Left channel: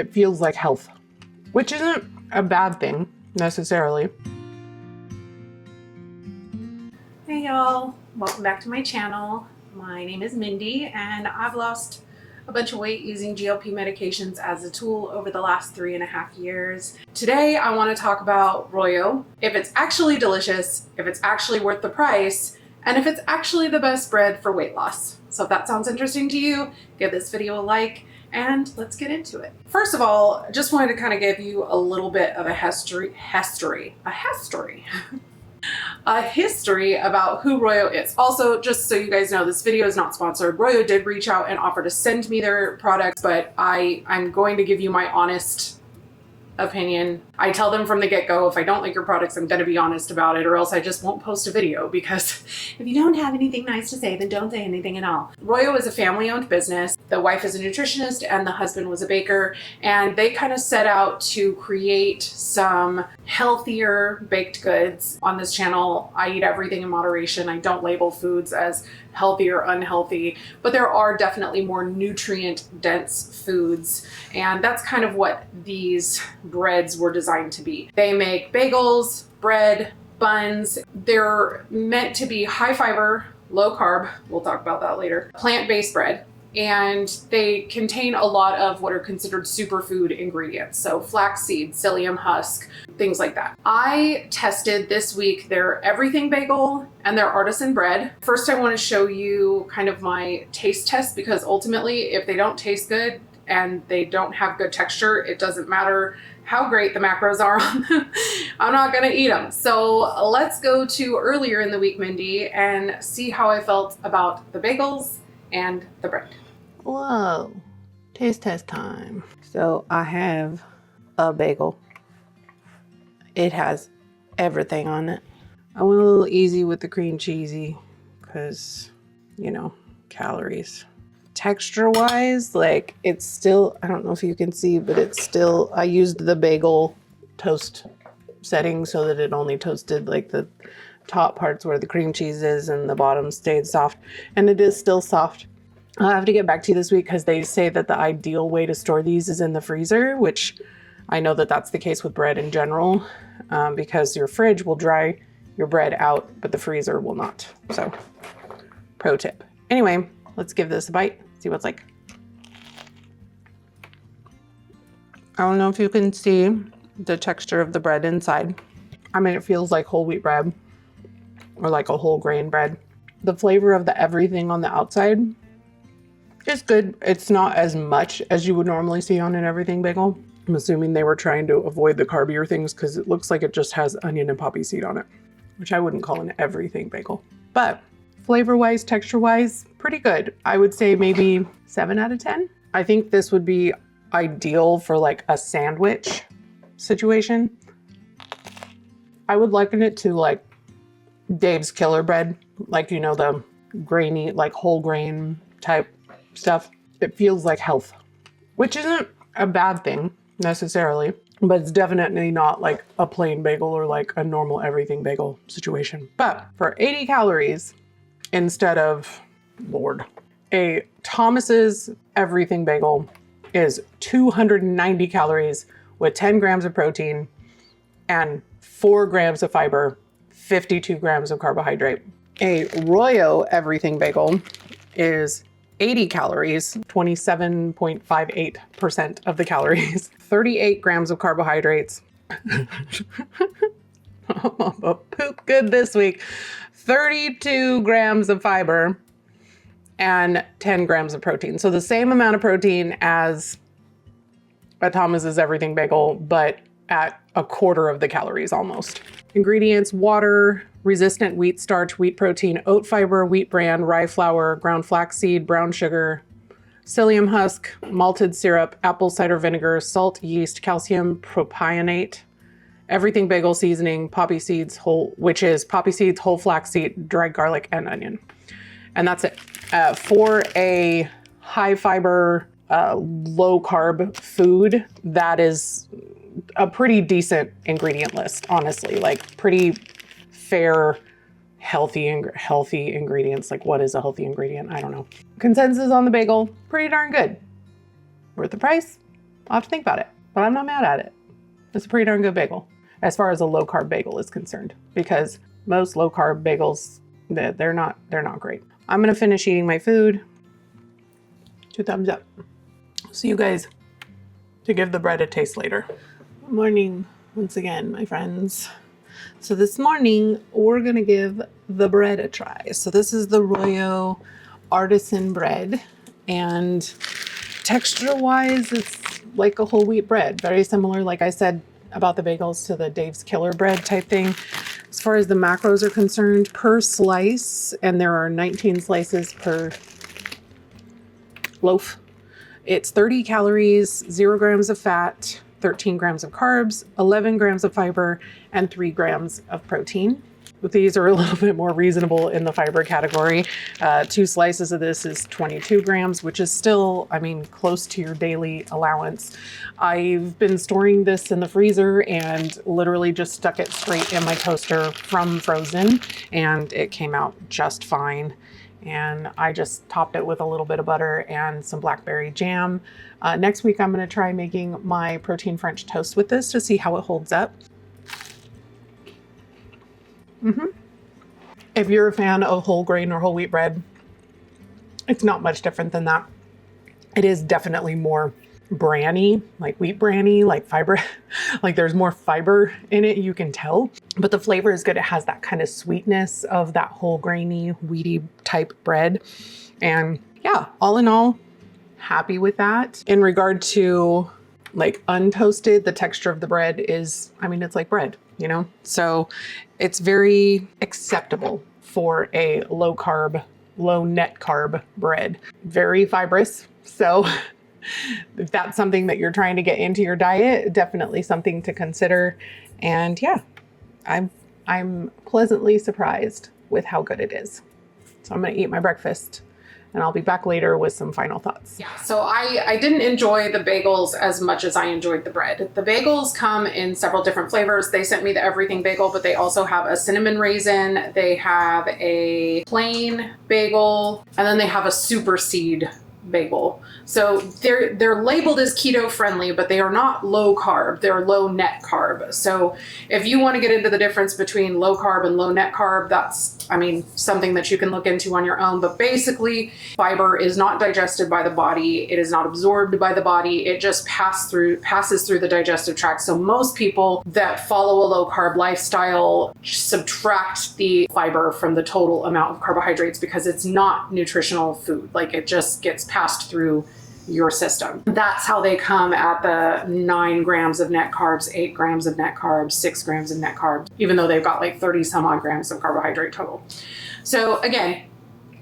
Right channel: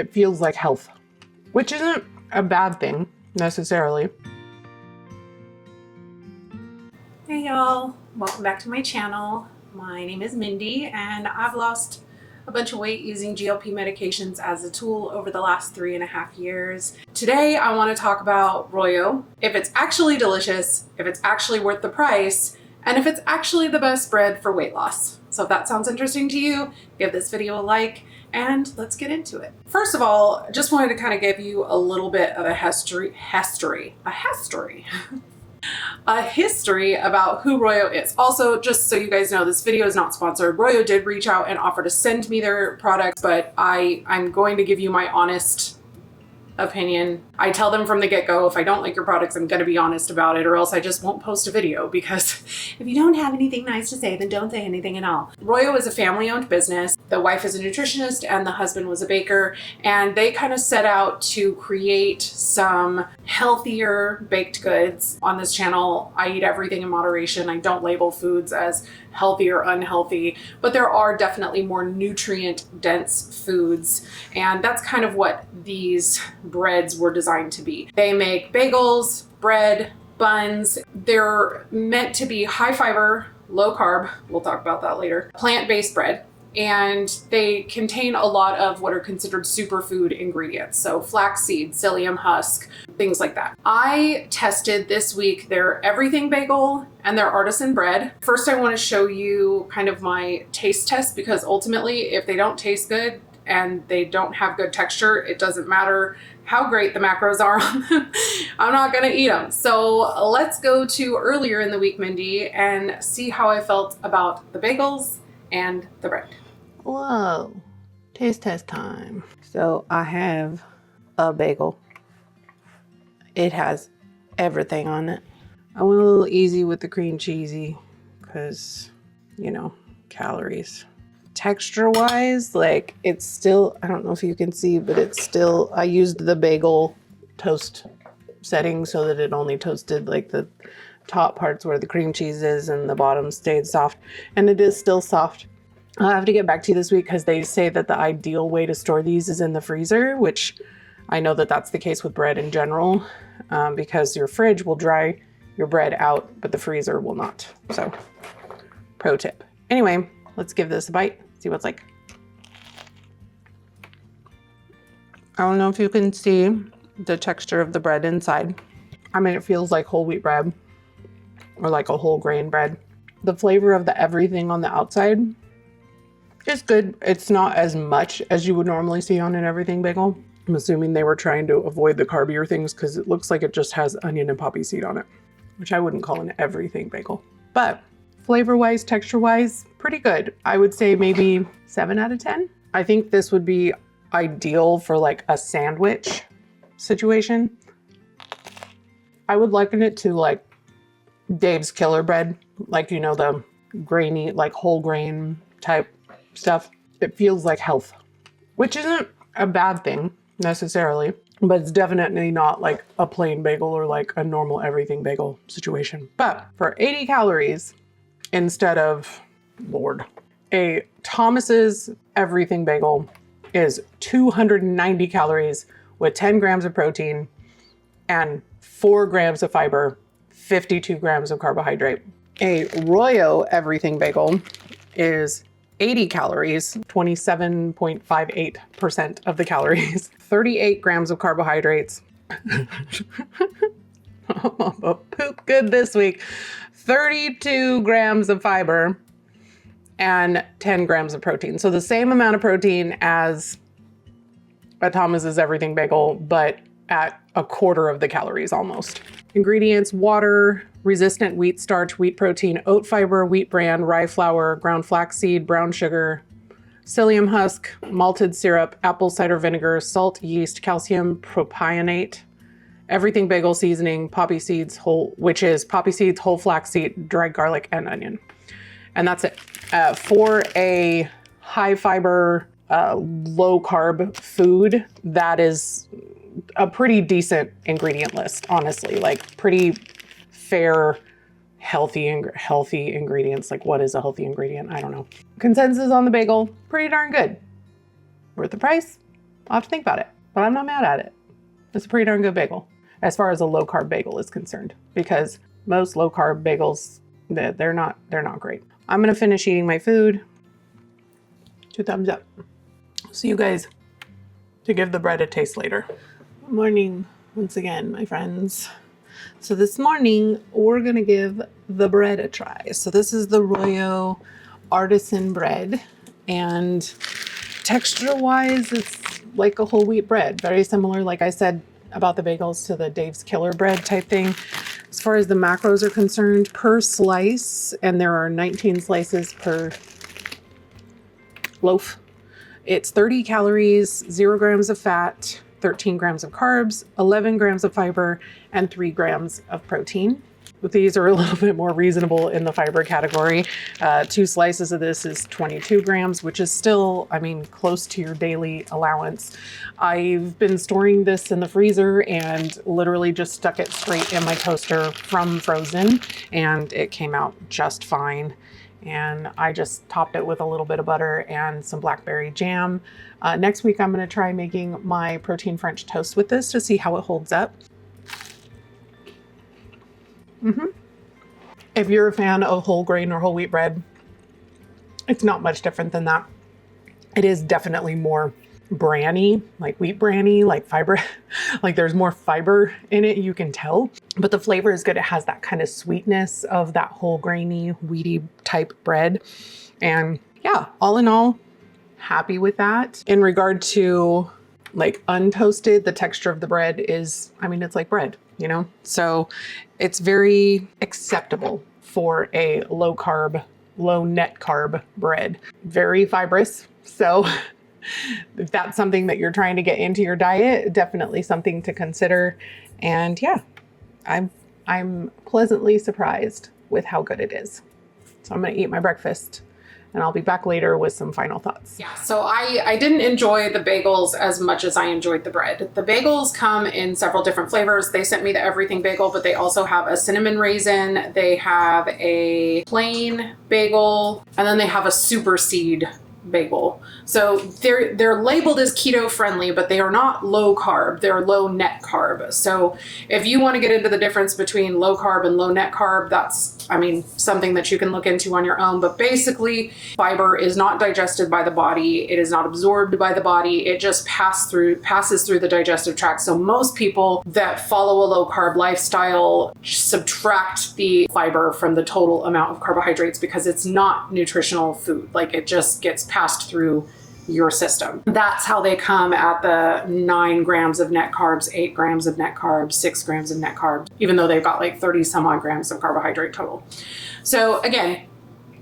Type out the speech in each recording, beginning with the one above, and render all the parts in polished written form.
it feels like health, which isn't a bad thing necessarily. Hey y'all, welcome back to my channel. My name is Mindy and I've lost a bunch of weight using GLP medications as a tool over the last 3.5 years. Today I want to talk about ROYO, if it's actually delicious, if it's actually worth the price, and if it's actually the best bread for weight loss. So if that sounds interesting to you, give this video a like and let's get into it. First of all, just wanted to kind of give you a little bit of a history about who ROYO is. Also, just so you guys know, this video is not sponsored. ROYO did reach out and offer to send me their products, but I'm going to give you my honest opinion. I tell them from the get-go, if I don't like your products, I'm going to be honest about it, or else I just won't post a video, because if you don't have anything nice to say, then don't say anything at all. ROYO is a family-owned business. The wife is a nutritionist and the husband was a baker, and they kind of set out to create some healthier baked goods. On this channel, I eat everything in moderation. I don't label foods as healthy or unhealthy, but there are definitely more nutrient dense foods, and that's kind of what these breads were designed to be. They make bagels, bread, buns. They're meant to be high fiber, low carb, we'll talk about that later, plant-based bread, and they contain a lot of what are considered superfood ingredients. So flaxseed, psyllium husk, things like that. I tested this week their everything bagel and their artisan bread. First, I want to show you kind of my taste test, because ultimately, if they don't taste good and they don't have good texture, it doesn't matter how great the macros are on them. I'm not gonna eat them. So let's go to earlier in the week, Mindy, and see how I felt about the bagels and the bread. Whoa, taste test time. So I have a bagel. It has everything on it. I went a little easy with the cream cheesy because, you know, calories. Texture wise, like it's still, I don't know if you can see, but it's still, I used the bagel toast setting so that it only toasted like the top parts where the cream cheese is and the bottom stayed soft, and it is still soft. I'll have to get back to you this week because they say that the ideal way to store these is in the freezer, which I know that that's the case with bread in general, because your fridge will dry your bread out, but the freezer will not. So pro tip. Anyway, let's give this a bite, see what it's like. I don't know if you can see the texture of the bread inside. I mean, it feels like whole wheat bread or like a whole grain bread. The flavor of the everything on the outside is good. It's not as much as you would normally see on an everything bagel. I'm assuming they were trying to avoid the carbier things because it looks like it just has onion and poppy seed on it, which I wouldn't call an everything bagel. But flavor-wise, texture-wise, pretty good. I would say maybe 7 out of 10. I think this would be ideal for like a sandwich situation. I would liken it to like Dave's Killer Bread, like, you know, the grainy, like whole grain type stuff. It feels like health, which isn't a bad thing necessarily, but it's definitely not like a plain bagel or like a normal everything bagel situation. But for 80 calories instead of, Lord, a Thomas's everything bagel is 290 calories with 10 grams of protein and 4 grams of fiber, 52 grams of carbohydrate. A ROYO everything bagel is 80 calories, 27.58% of the calories, 38 grams of carbohydrates. Poop good this week. 32 grams of fiber and 10 grams of protein. So the same amount of protein as a Thomas's everything bagel, but at a quarter of the calories almost. Ingredients: water, resistant wheat starch, wheat protein, oat fiber, wheat bran, rye flour, ground flaxseed, brown sugar, psyllium husk, malted syrup, apple cider vinegar, salt, yeast, calcium propionate, everything bagel seasoning, poppy seeds, whole flaxseed, dried garlic, and onion. And that's it. For a high fiber, low carb food, that is a pretty decent ingredient list, honestly. Like pretty fair, healthy ingredients. Like what is a healthy ingredient? I don't know. Consensus on the bagel, pretty darn good. Worth the price? I'll have to think about it, but I'm not mad at it. It's a pretty darn good bagel as far as a low carb bagel is concerned, because most low carb bagels, they're not great. I'm gonna finish eating my food. 2 thumbs up. See you guys to give the bread a taste later. Good morning once again, my friends. So this morning we're gonna give the bread a try. So this is the ROYO Artisan bread, and texture wise it's like a whole wheat bread, very similar, like I said about the bagels, to the Dave's Killer bread type thing. As far as the macros are concerned, per slice, and there are 19 slices per loaf, it's 30 calories, 0 grams of fat, 13 grams of carbs, 11 grams of fiber, and 3 grams of protein. But these are a little bit more reasonable in the fiber category. 2 slices of this is 22 grams, which is still, I mean, close to your daily allowance. I've been storing this in the freezer and literally just stuck it straight in my toaster from frozen, and it came out just fine. And I just topped it with a little bit of butter and some blackberry jam. Next week, I'm gonna try making my protein French toast with this to see how it holds up. If you're a fan of whole grain or whole wheat bread, it's not much different than that. It is definitely more branny, like wheat branny, like fiber, like there's more fiber in it, you can tell, but the flavor is good. It has that kind of sweetness of that whole grainy, wheaty type bread. And yeah, all in all, happy with that. In regard to like untoasted, the texture of the bread is, I mean, it's like bread, you know? So it's very acceptable for a low carb, low net carb bread. Very fibrous. So if that's something that you're trying to get into your diet, definitely something to consider. And yeah, I'm pleasantly surprised with how good it is. So I'm gonna eat my breakfast and I'll be back later with some final thoughts. Yeah, so I didn't enjoy the bagels as much as I enjoyed the bread. The bagels come in several different flavors. They sent me the everything bagel, but they also have a cinnamon raisin, they have a plain bagel, and then they have a super seed bagel. So they're labeled as keto friendly, but they are not low carb. They're low net carb. So if you want to get into the difference between low carb and low net carb, that's, I mean, something that you can look into on your own. But basically, fiber is not digested by the body. It is not absorbed by the body. It just passes through the digestive tract. So most people that follow a low carb lifestyle subtract the fiber from the total amount of carbohydrates because it's not nutritional food. Like it just gets passed through your system. That's how they come at the 9 grams of net carbs, 8 grams of net carbs, 6 grams of net carbs, even though they've got like 30 some odd grams of carbohydrate total. So again,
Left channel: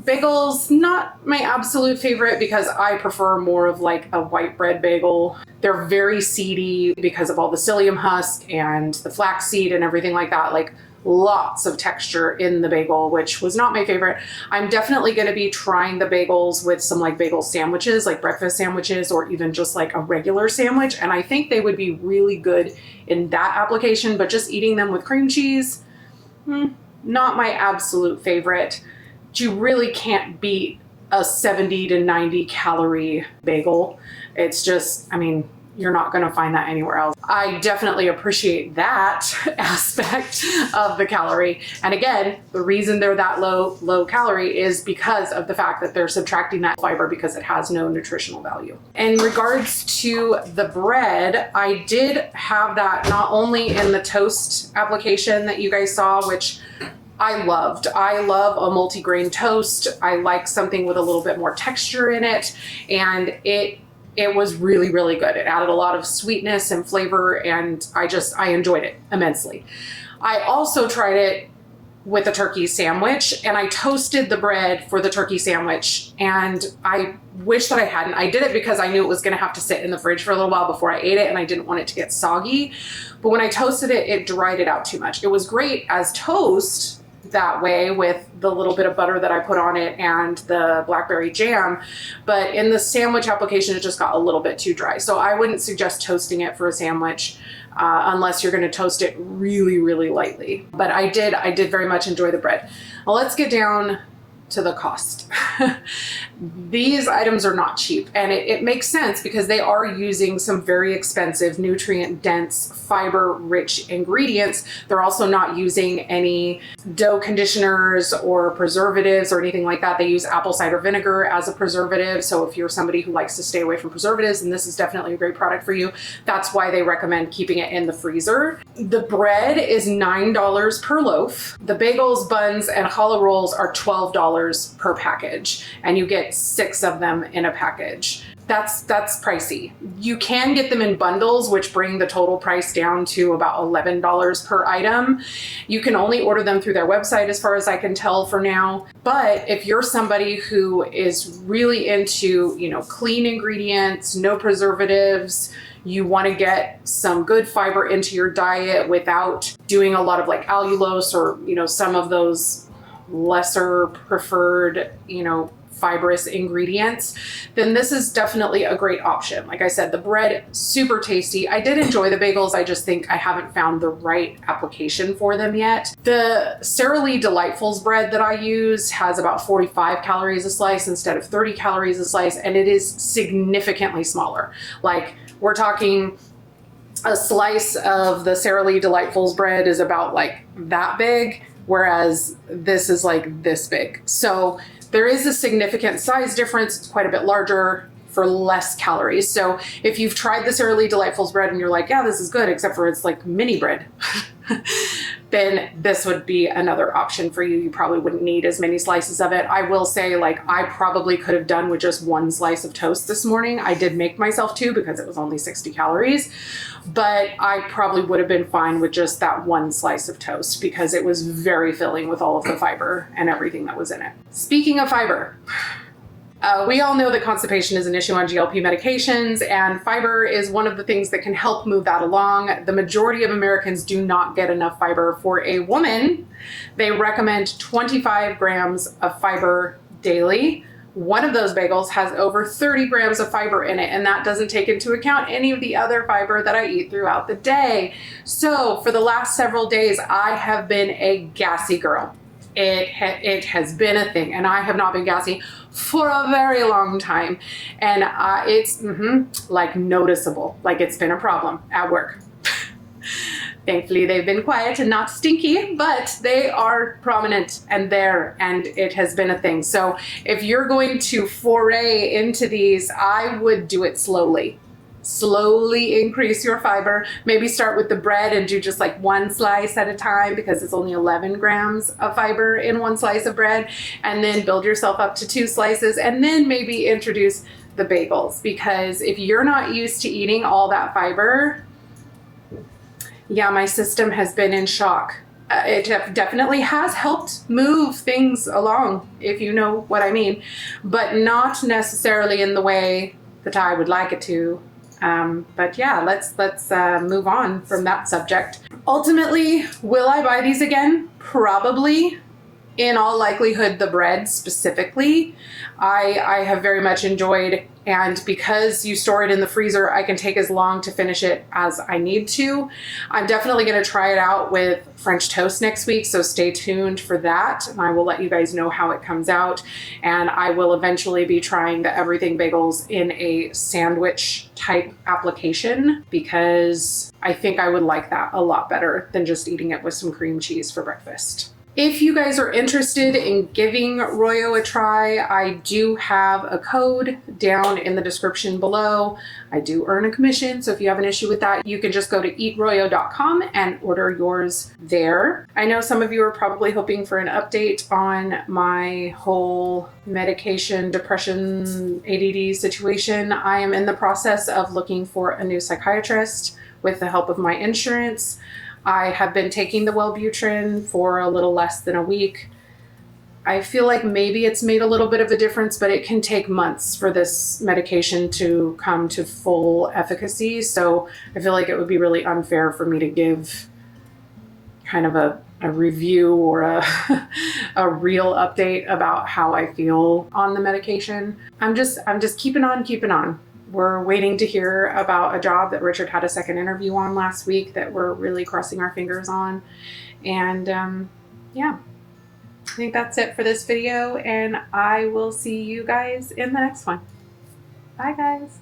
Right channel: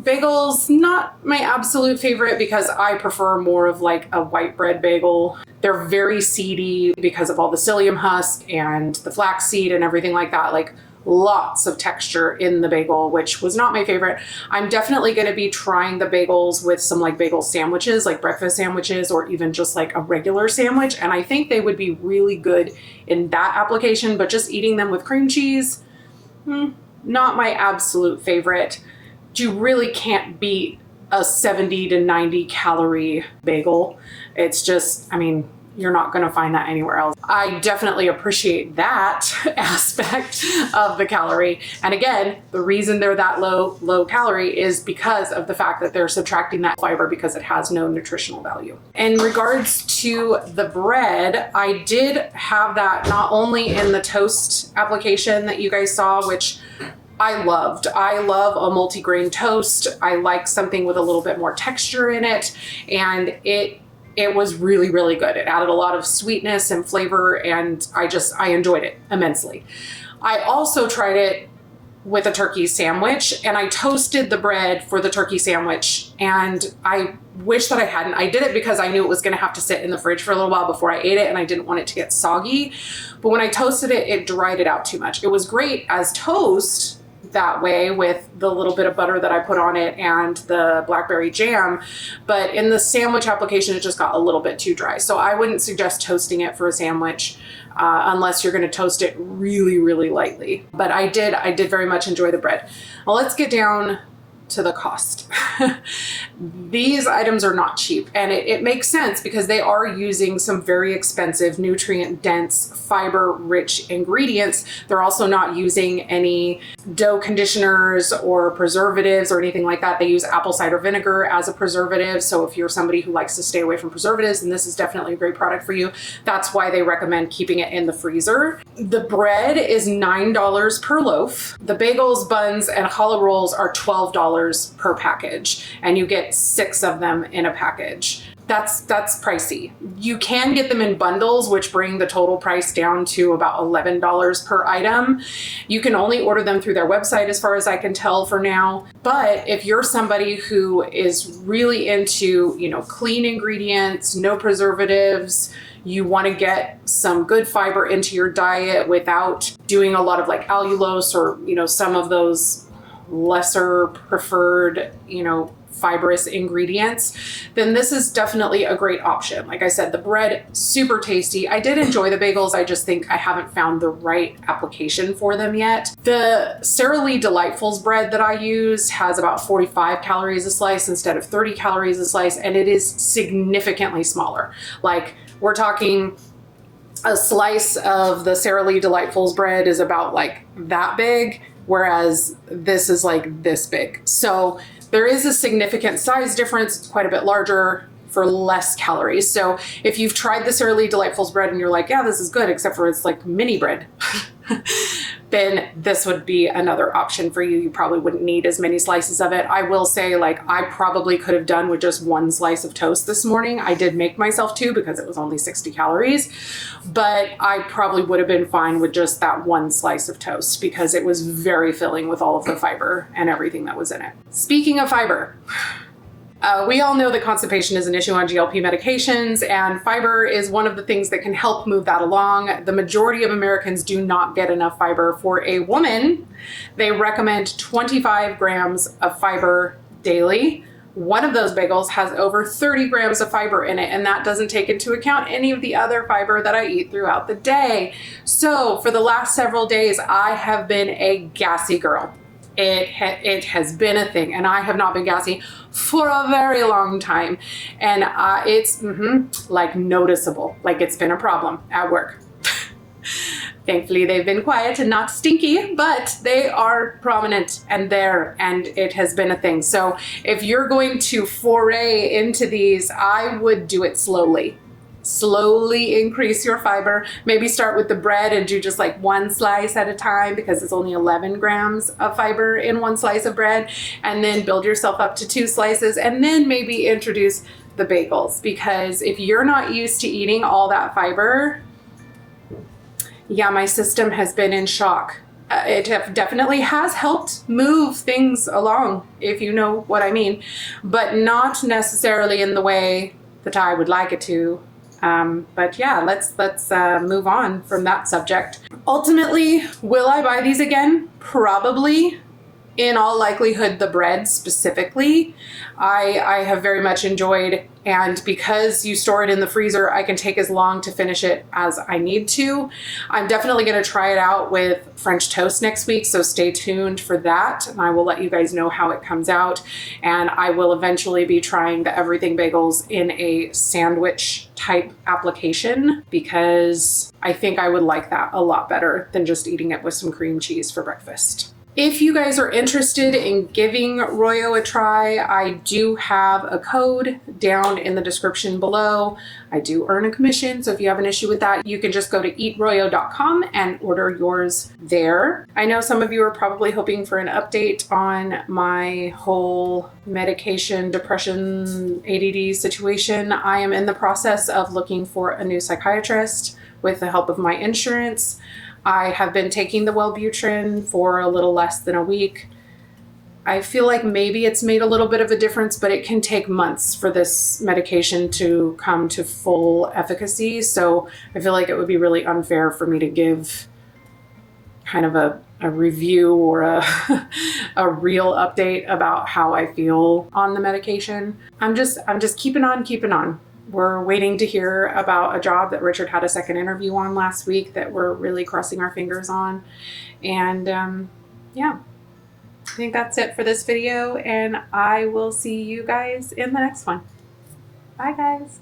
bagels, not my absolute favorite because I prefer more of like a white bread bagel. They're very seedy because of all the psyllium husk and the flaxseed and everything like that. Like lots of texture in the bagel, which was not my favorite. I'm definitely going to be trying the bagels with some like bagel sandwiches, like breakfast sandwiches, or even just like a regular sandwich. And I think they would be really good in that application, but just eating them with cream cheese, not my absolute favorite. You really can't beat a 70 to 90 calorie bagel. It's just, I mean, you're not going to find that anywhere else. I definitely appreciate that aspect of the calorie. And again, the reason they're that low calorie is because of the fact that they're subtracting that fiber because it has no nutritional value. In regards to the bread, I did have that not only in the toast application that you guys saw, which I loved. I love a multi-grain toast. I like something with a little bit more texture in it. And it was really, really good. It added a lot of sweetness and flavor, and I enjoyed it immensely. I also tried it with a turkey sandwich, and I toasted the bread for the turkey sandwich, and I wish that I hadn't. I did it because I knew it was gonna have to sit in the fridge for a little while before I ate it, and I didn't want it to get soggy. But when I toasted it, it dried it out too much. It was great as toast that way with the little bit of butter that I put on it and the blackberry jam, but in the sandwich application it just got a little bit too dry. So I wouldn't suggest toasting it for a sandwich unless you're going to toast it really, really lightly. But I did very much enjoy the bread. Well, let's get down to the cost. These items are not cheap, and it makes sense because they are using some very expensive, nutrient-dense, fiber-rich ingredients. They're also not using any dough conditioners or preservatives or anything like that. They use apple cider vinegar as a preservative. So if you're somebody who likes to stay away from preservatives, then this is definitely a great product for you. That's why they recommend keeping it in the freezer. The bread is $9 per loaf. The bagels, buns, and challah rolls are $12 per package, and you get 6 of them in a package. That's pricey. You can get them in bundles, which bring the total price down to about $11 per item. You can only order them through their website as far as I can tell for now. But if you're somebody who is really into, clean ingredients, no preservatives, you want to get some good fiber into your diet without doing a lot of like allulose or, some of those lesser preferred, fibrous ingredients, then this is definitely a great option. Like I said, the bread, super tasty. I did enjoy the bagels. I just think I haven't found the right application for them yet. The Sara Lee Delightfuls bread that I use has about 45 calories a slice instead of 30 calories a slice, and it is significantly smaller. Like, we're talking a slice of the Sara Lee Delightfuls bread is about like that big, whereas this is like this big. So there is a significant size difference. It's quite a bit larger for less calories. So if you've tried the Sara Lee Delightfuls bread and you're like, yeah, this is good, except for it's like mini bread, then this would be another option for you. You probably wouldn't need as many slices of it. I will say, I probably could have done with just 1 slice of toast this morning. I did make myself 2 because it was only 60 calories, but I probably would have been fine with just that 1 slice of toast because it was very filling with all of the fiber and everything that was in it. Speaking of fiber, we all know that constipation is an issue on GLP medications, and fiber is one of the things that can help move that along. The majority of Americans do not get enough fiber. For a woman, they recommend 25 grams of fiber daily. One of those bagels has over 30 grams of fiber in it, and that doesn't take into account any of the other fiber that I eat throughout the day. So for the last several days, I have been a gassy girl. It has been a thing, and I have not been gassy for a very long time, and it's like noticeable, like it's been a problem at work. Thankfully, they've been quiet and not stinky, but they are prominent and there, and it has been a thing. So if you're going to foray into these, I would do it slowly. Slowly increase your fiber. Maybe start with the bread and do just like 1 slice at a time because it's only 11 grams of fiber in 1 slice of bread, and then build yourself up to 2 slices, and then maybe introduce the bagels, because if you're not used to eating all that fiber, yeah, my system has been in shock. It definitely has helped move things along, if you know what I mean, but not necessarily in the way that I would like it to. But yeah, let's move on from that subject. Ultimately, will I buy these again? Probably. In all likelihood, the bread specifically, I have very much enjoyed, and because you store it in the freezer, I can take as long to finish it as I need to. I'm definitely going to try it out with French toast next week, so stay tuned for that, and I will let you guys know how it comes out. And I will eventually be trying the everything bagels in a sandwich type application, because I think I would like that a lot better than just eating it with some cream cheese for breakfast. If you guys are interested in giving ROYO a try, I do have a code down in the description below. I do earn a commission, so if you have an issue with that, you can just go to eatroyo.com and order yours there. I know some of you are probably hoping for an update on my whole medication, depression, ADD situation. I am in the process of looking for a new psychiatrist with the help of my insurance. I have been taking the Wellbutrin for a little less than a week. I feel like maybe it's made a little bit of a difference, but it can take months for this medication to come to full efficacy. So I feel like it would be really unfair for me to give kind of a review or a real update about how I feel on the medication. I'm just keeping on. We're waiting to hear about a job that Richard had a second interview on last week that we're really crossing our fingers on. And yeah, I think that's it for this video, and I will see you guys in the next one. Bye, guys.